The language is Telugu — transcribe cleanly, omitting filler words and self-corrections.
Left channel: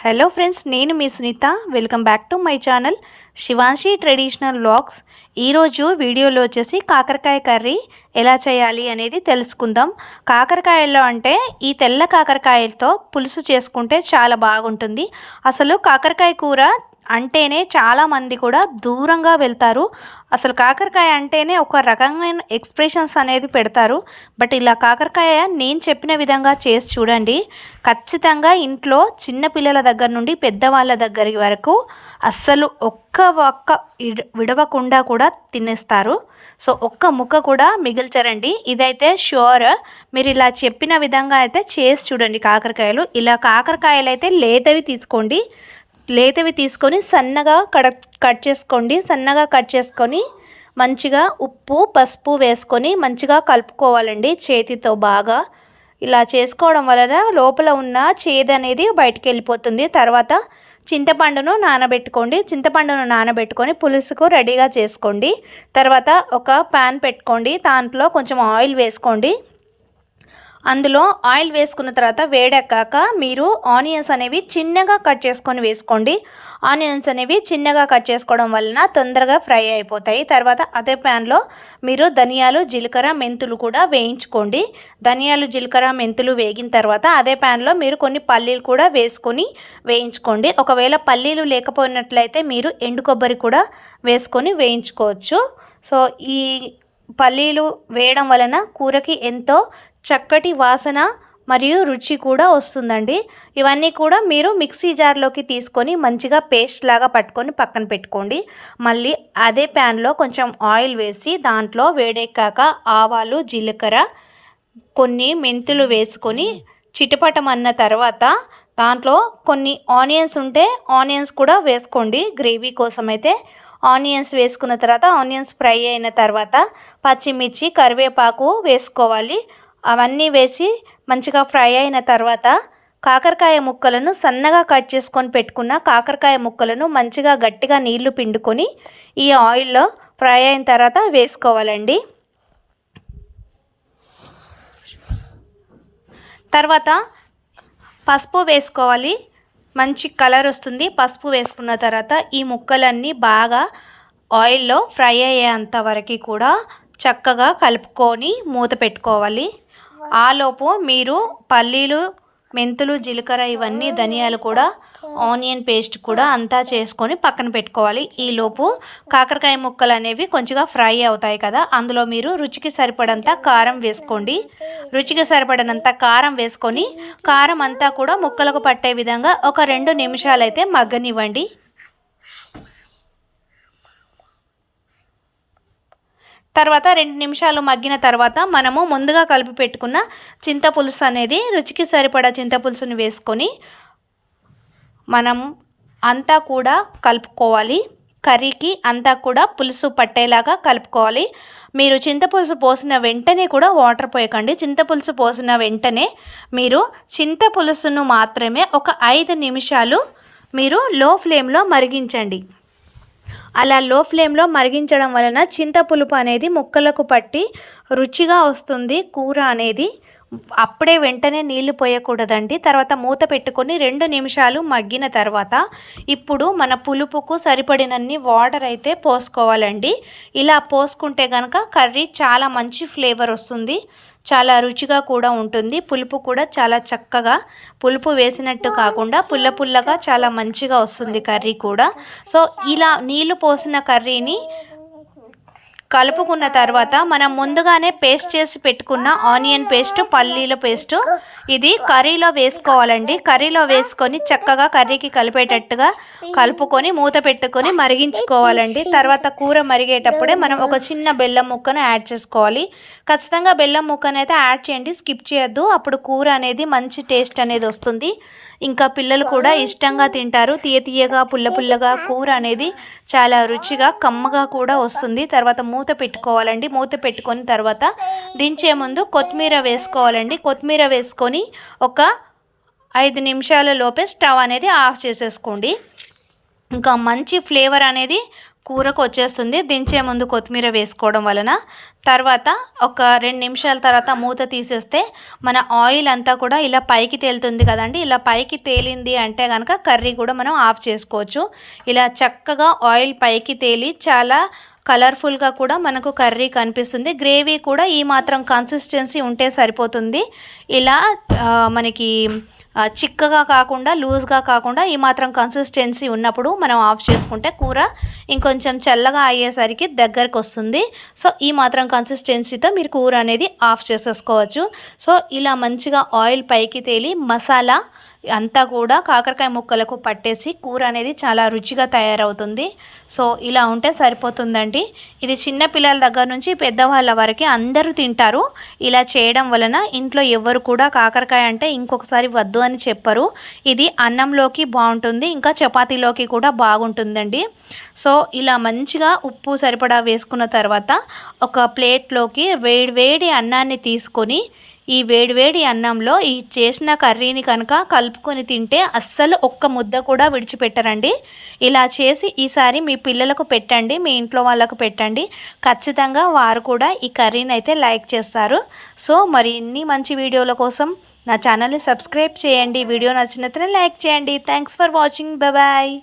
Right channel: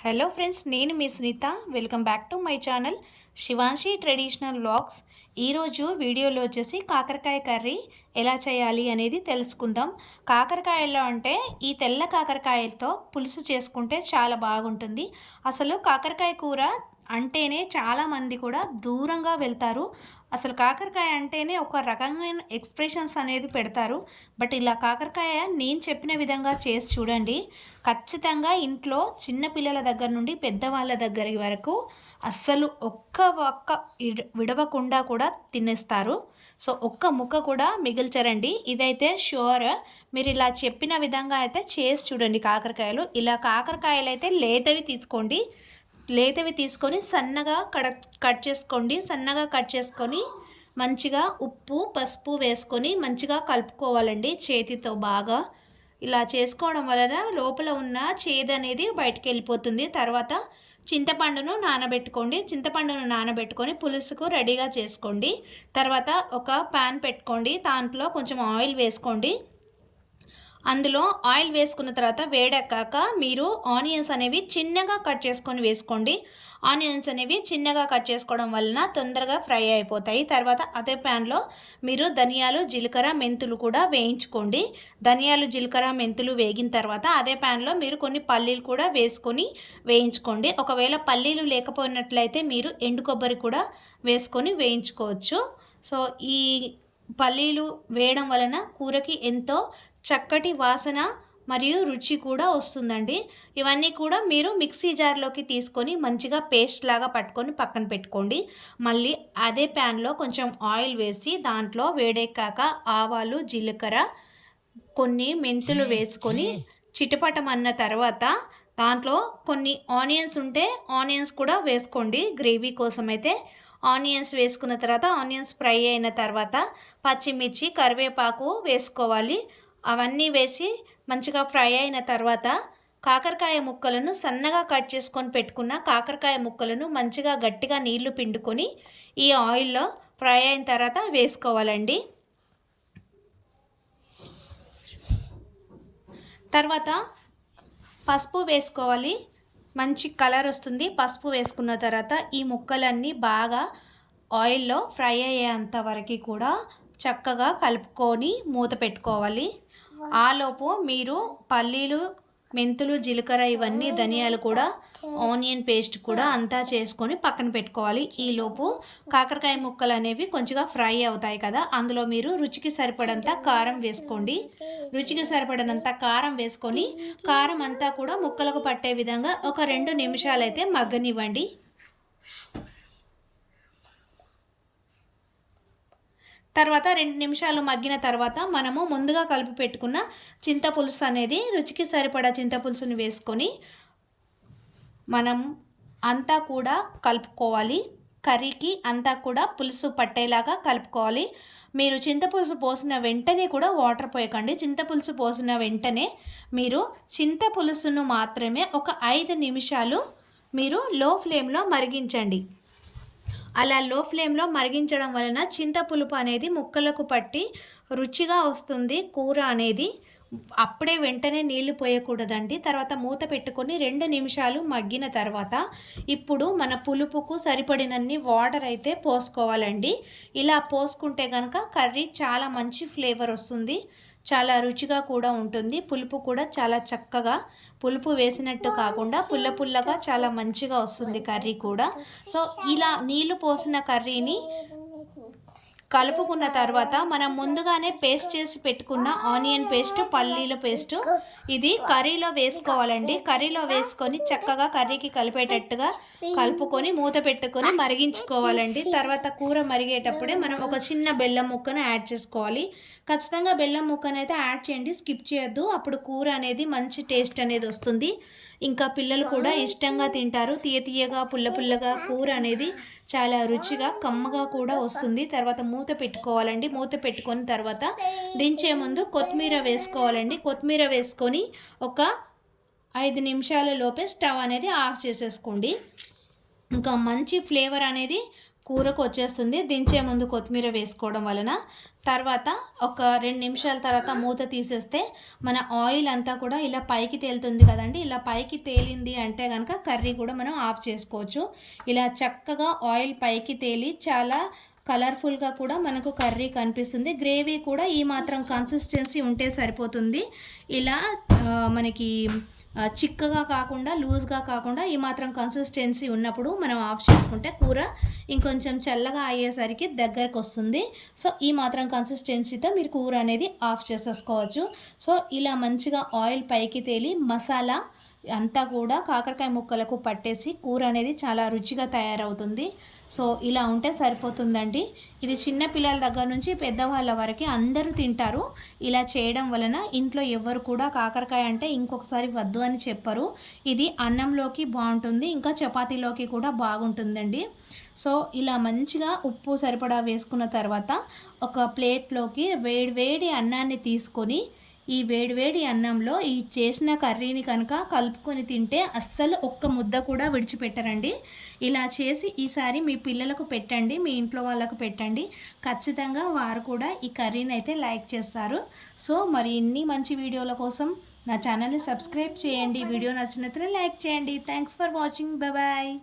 హలో ఫ్రెండ్స్, నేను మీ Sunitha. Welcome back to my channel Shivanshi traditional vlogs. ఈరోజు వీడియోలో వచ్చేసి కాకరకాయ కర్రీ ఎలా చేయాలి అనేది తెలుసుకుందాం. కాకరకాయల్లో అంటే ఈ తెల్ల కాకరకాయలతో పులుసు చేసుకుంటే చాలా బాగుంటుంది. అసలు కాకరకాయ కూర అంటేనే చాలామంది కూడా దూరంగా వెళ్తారు. అసలు కాకరకాయ అంటేనే ఒక రకమైన ఎక్స్ప్రెషన్స్ అనేది పెడతారు. బట్ ఇలా కాకరకాయ నేను చెప్పిన విధంగా చేసి చూడండి, ఖచ్చితంగా ఇంట్లో చిన్నపిల్లల దగ్గర నుండి పెద్దవాళ్ళ దగ్గర వరకు అస్సలు ఒక్క విడవకుండా కూడా తినేస్తారు. సో ఒక్క ముక్క కూడా మిగిల్చరండి. ఇదైతే ష్యూర్. మీరు ఇలా చెప్పిన విధంగా అయితే చేసి చూడండి. ఇలా కాకరకాయలు అయితే లేతవి తీసుకోండి. లేతవి తీసుకొని సన్నగా కట్ చేసుకొని మంచిగా ఉప్పు పసుపు వేసుకొని మంచిగా కలుపుకోవాలండి చేతితో బాగా. ఇలా చేసుకోవడం వలన లోపల ఉన్న చేదు అనేది బయటికి వెళ్ళిపోతుంది. తర్వాత చింతపండును నానబెట్టుకొని పులుసుకు రెడీగా చేసుకోండి. తర్వాత ఒక ప్యాన్ పెట్టుకోండి. దాంట్లో కొంచెం ఆయిల్ వేసుకోండి. అందులో ఆయిల్ వేసుకున్న తర్వాత వేడెక్కాక మీరు ఆనియన్స్ అనేవి చిన్నగా కట్ చేసుకొని వేసుకోండి. ఆనియన్స్ అనేవి చిన్నగా కట్ చేసుకోవడం వలన తొందరగా ఫ్రై అయిపోతాయి. తర్వాత అదే ప్యాన్లో మీరు ధనియాలు జీలకర్ర మెంతులు కూడా వేయించుకోండి. ధనియాలు జీలకర్ర మెంతులు వేగిన తర్వాత అదే ప్యాన్లో మీరు కొన్ని పల్లీలు కూడా వేసుకొని వేయించుకోండి. ఒకవేళ పల్లీలు లేకపోయినట్లయితే మీరు ఎండు కొబ్బరి కూడా వేసుకొని వేయించుకోవచ్చు. సో ఈ పల్లీలు వేయడం వలన కూరకి ఎంతో చక్కటి వాసన మరియు రుచి కూడా వస్తుందండి. ఇవన్నీ కూడా మీరు మిక్సీ జార్లోకి తీసుకొని మంచిగా పేస్ట్ లాగా పట్టుకొని పక్కన పెట్టుకోండి. మళ్ళీ అదే ప్యాన్లో కొంచెం ఆయిల్ వేసి దాంట్లో వేడెక్కాక ఆవాలు జీలకర్ర కొన్ని మెంతులు వేసుకొని చిటపటమన్న తర్వాత దాంట్లో కొన్ని ఆనియన్స్ ఉంటే ఆనియన్స్ కూడా వేసుకోండి. గ్రేవీ కోసం అయితే ఆనియన్స్ వేసుకున్న తర్వాత ఆనియన్స్ ఫ్రై అయిన తర్వాత పచ్చిమిర్చి కరివేపాకు వేసుకోవాలి. అవన్నీ వేసి మంచిగా ఫ్రై అయిన తర్వాత కాకరకాయ ముక్కలను సన్నగా కట్ చేసుకొని పెట్టుకున్న కాకరకాయ ముక్కలను మంచిగా గట్టిగా నీళ్లు పిండుకొని ఈ ఆయిల్లో ఫ్రై అయిన తర్వాత వేసుకోవాలండి. తర్వాత పసుపు వేసుకోవాలి. మంచి కలర్ వస్తుంది. పసుపు వేసుకున్న తర్వాత ఈ ముక్కలన్నీ బాగా ఆయిల్లో ఫ్రై అయ్యేంత వరకు కూడా చక్కగా కలుపుకొని మూత పెట్టుకోవాలి. ఆలోపు మీరు పల్లీలు మెంతులు జీలకర్ర ఇవన్నీ ధనియాలు కూడా ఆనియన్ పేస్ట్ కూడా అంతా చేసుకొని పక్కన పెట్టుకోవాలి. ఈలోపు కాకరకాయ ముక్కలు అనేవి కొంచెంగా ఫ్రై అవుతాయి కదా, అందులో మీరు రుచికి సరిపడంత కారం వేసుకోండి. రుచికి సరిపడినంత కారం వేసుకొని కారం అంతా కూడా ముక్కలకు పట్టే విధంగా ఒక 2 నిమిషాలు అయితే మగ్గనివ్వండి. తర్వాత 2 నిమిషాలు మగ్గిన తర్వాత మనము ముందుగా కలిపి పెట్టుకున్న చింతపులుసు అనేది రుచికి సరిపడా చింతపులుసుని వేసుకొని మనం అంతా కూడా కలుపుకోవాలి. కర్రీకి అంతా కూడా పులుసు పట్టేలాగా కలుపుకోవాలి. మీరు చింతపులుసు పోసిన వెంటనే కూడా వాటర్ పోయకండి. చింతపులుసు పోసిన వెంటనే మీరు చింతపులుసును మాత్రమే ఒక 5 నిమిషాలు మీరు లో ఫ్లేమ్లో మరిగించండి. అలా లో ఫ్లేమ్లో మరిగించడం వలన చింతపులుపు అనేది ముక్కలకు పట్టి రుచిగా వస్తుంది కూర అనేది. అప్పుడే వెంటనే నీళ్లు పోయకూడదండి. తర్వాత మూత పెట్టుకొని 2 నిమిషాలు మగ్గిన తర్వాత ఇప్పుడు మన పులుపుకు సరిపడినన్ని వాటర్ అయితే పోసుకోవాలండి. ఇలా పోసుకుంటే కనుక కర్రీ చాలా మంచి ఫ్లేవర్ వస్తుంది. చాలా రుచిగా కూడా ఉంటుంది. పులుపు కూడా చాలా చక్కగా పులుపు వేసినట్టు కాకుండా పుల్లగా చాలా మంచిగా వస్తుంది కర్రీ కూడా. సో ఇలా నీళ్లు పోసిన కర్రీని కలుపుకున్న తర్వాత మనం ముందుగానే పేస్ట్ చేసి పెట్టుకున్న ఆనియన్ పేస్ట్ పల్లీల పేస్ట్ ఇది కర్రీలో వేసుకోవాలండి. కర్రీలో వేసుకొని చక్కగా కర్రీకి కలిపేటట్టుగా కలుపుకొని మూత పెట్టుకొని మరిగించుకోవాలండి. తర్వాత కూర మరిగేటప్పుడే మనం ఒక చిన్న బెల్లం ముక్కను యాడ్ చేసుకోవాలి. ఖచ్చితంగా బెల్లం ముక్కను అయితే యాడ్ చేయండి, స్కిప్ చేయొద్దు. అప్పుడు కూర అనేది మంచి టేస్ట్ అనేది వస్తుంది. ఇంకా పిల్లలు కూడా ఇష్టంగా తింటారు. తీయగా పుల్లగా కూర అనేది చాలా రుచిగా కమ్మగా కూడా వస్తుంది. తర్వాత మూత పెట్టుకోవాలండి. మూత పెట్టుకొని తర్వాత దించే ముందు కొత్తిమీర వేసుకోవాలండి. కొత్తిమీర వేసుకొని ఒక 5 నిమిషాల లోపే స్టవ్ అనేది ఆఫ్ చేసేసుకోండి. ఇంకా మంచి ఫ్లేవర్ అనేది కూరకు వచ్చేస్తుంది దించే ముందు కొత్తిమీర వేసుకోవడం వలన. తర్వాత ఒక 2 నిమిషాల తర్వాత మూత తీసేస్తే మన ఆయిల్ అంతా కూడా ఇలా పైకి తేలుతుంది కదండి. ఇలా పైకి తేలింది అంటే కనుక కర్రీ కూడా మనం ఆఫ్ చేసుకోవచ్చు. ఇలా చక్కగా ఆయిల్ పైకి తేలి చాలా కలర్ఫుల్గా కూడా మనకు కర్రీ కనిపిస్తుంది. గ్రేవీ కూడా ఈ మాత్రం కన్సిస్టెన్సీ ఉంటే సరిపోతుంది. ఇలా మనకి చిక్కగా కాకుండా లూజ్గా కాకుండా ఈ మాత్రం కన్సిస్టెన్సీ ఉన్నప్పుడు మనం ఆఫ్ చేసుకుంటే కూర ఇంకొంచెం చల్లగా అయ్యేసరికి దగ్గరకు వస్తుంది. సో ఈ మాత్రం కన్సిస్టెన్సీతో మీరు కూర అనేది ఆఫ్ చేసేసుకోవచ్చు. సో ఇలా మంచిగా ఆయిల్ పైకి తేలి మసాలా అంతా కూడా కాకరకాయ ముక్కలకు పట్టేసి కూర అనేది చాలా రుచిగా తయారవుతుంది. సో ఇలా ఉంటే సరిపోతుందండి. ఇది చిన్న పిల్లల దగ్గర నుంచి పెద్దవాళ్ళ వరకు అందరూ తింటారు. ఇలా చేయడం వలన ఇంట్లో ఎవరు కూడా కాకరకాయ అంటే ఇంకొకసారి వద్దు అని చెప్పరు. ఇది అన్నంలోకి బాగుంటుంది, ఇంకా చపాతీలోకి కూడా బాగుంటుందండి. సో ఇలా మంచిగా ఉప్పు సరిపడా వేసుకున్న తర్వాత ఒక ప్లేట్లోకి వేడి అన్నాన్ని తీసుకొని ఈ వేడివేడి అన్నంలో ఈ చేసిన కర్రీని కనుక కలుపుకొని తింటే అస్సలు ఒక్క ముద్ద కూడా విడిచిపెట్టరండి. ఇలా చేసి ఈసారి మీ పిల్లలకు పెట్టండి, మీ ఇంట్లో వాళ్ళకు పెట్టండి. ఖచ్చితంగా వారు కూడా ఈ కర్రీని అయితే లైక్ చేస్తారు. సో మరి ఇన్ని మంచి వీడియోల కోసం నా ఛానల్ని సబ్స్క్రైబ్ చేయండి. వీడియో నచ్చినట్లయితే లైక్ చేయండి. Thanks for watching. బాయ్.